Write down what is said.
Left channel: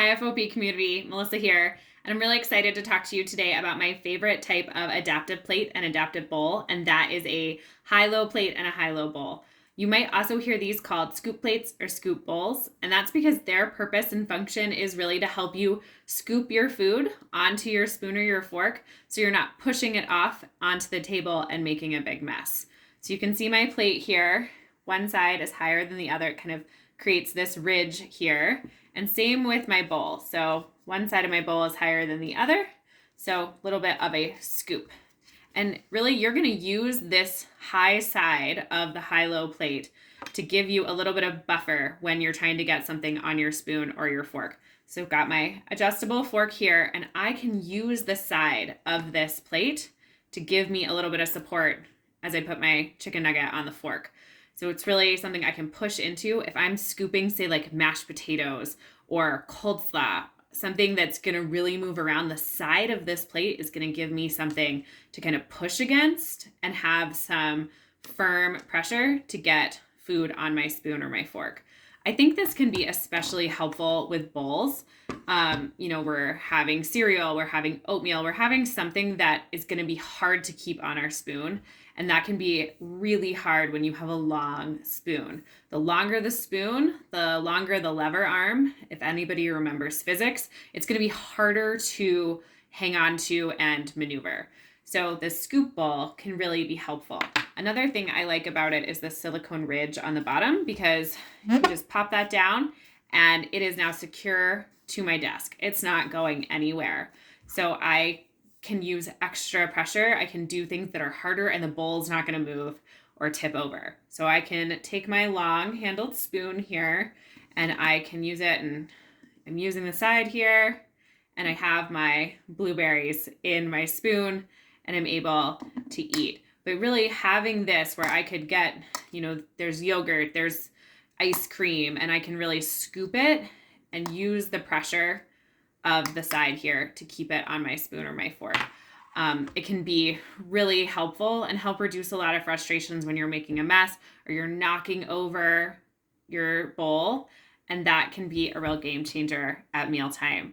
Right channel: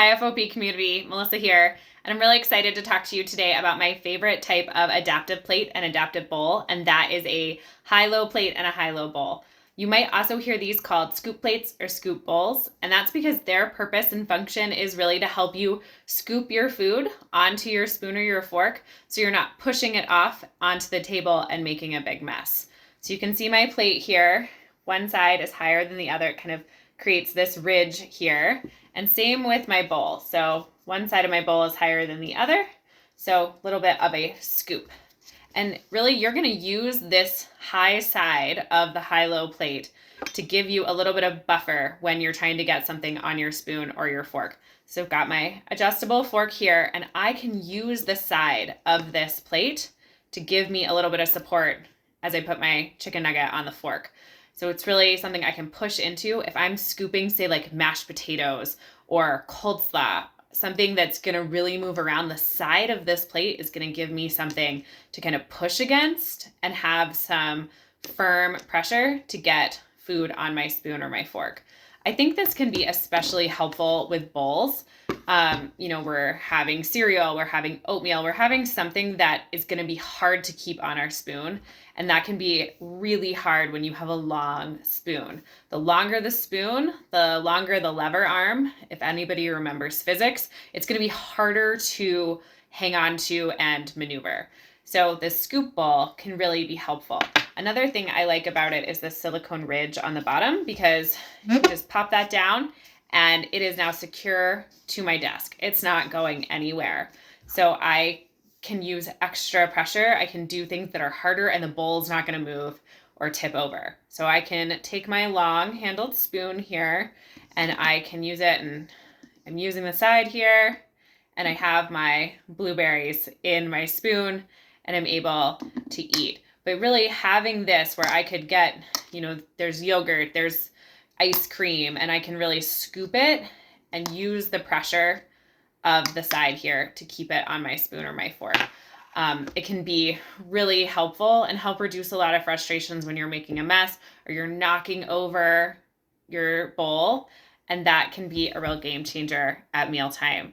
Hi, FOP community. Melissa here, and I'm really excited to talk to you today about my favorite type of adaptive plate and adaptive bowl, and that is a high-low plate and a high-low bowl. You might also hear these called scoop plates or scoop bowls, and that's because their purpose and function is really to help you scoop your food onto your spoon or your fork so you're not pushing it off onto the table and making a big mess. So you can see my plate here. One side is higher than the other. It kind of creates this ridge here. And same with my bowl. So one side of my bowl is higher than the other. So a little bit of a scoop. And really you're gonna use this high side of the high-low plate to give you a little bit of buffer when you're trying to get something on your spoon or your fork. So I've got my adjustable fork here, and I can use the side of this plate to give me a little bit of support as I put my chicken nugget on the fork. So it's really something I can push into if I'm scooping, say, like mashed potatoes or cold slaw, something that's gonna really move around. The side of this plate is gonna give me something to kind of push against and have some firm pressure to get food on my spoon or my fork. I think this can be especially helpful with bowls. We're having cereal, we're having oatmeal, we're having something that is gonna be hard to keep on our spoon. And that can be really hard when you have a long spoon. The longer the spoon, the longer the lever arm. If anybody remembers physics, it's going to be harder to hang on to and maneuver. So the scoop bowl can really be helpful. Another thing I like about it is the silicone ridge on the bottom, because you just pop that down and it is now secure to my desk. It's not going anywhere. So I can use extra pressure. I can do things that are harder and the bowl's not going to move or tip over. So I can take my long handled spoon here and I can use it, and I'm using the side here, and I have my blueberries in my spoon and I'm able to eat. But really having this where I could get, there's yogurt, there's ice cream, and I can really scoop it and use the pressure of the side here to keep it on my spoon or my fork. It can be really helpful and help reduce a lot of frustrations when you're making a mess or you're knocking over your bowl, and that can be a real game changer at mealtime.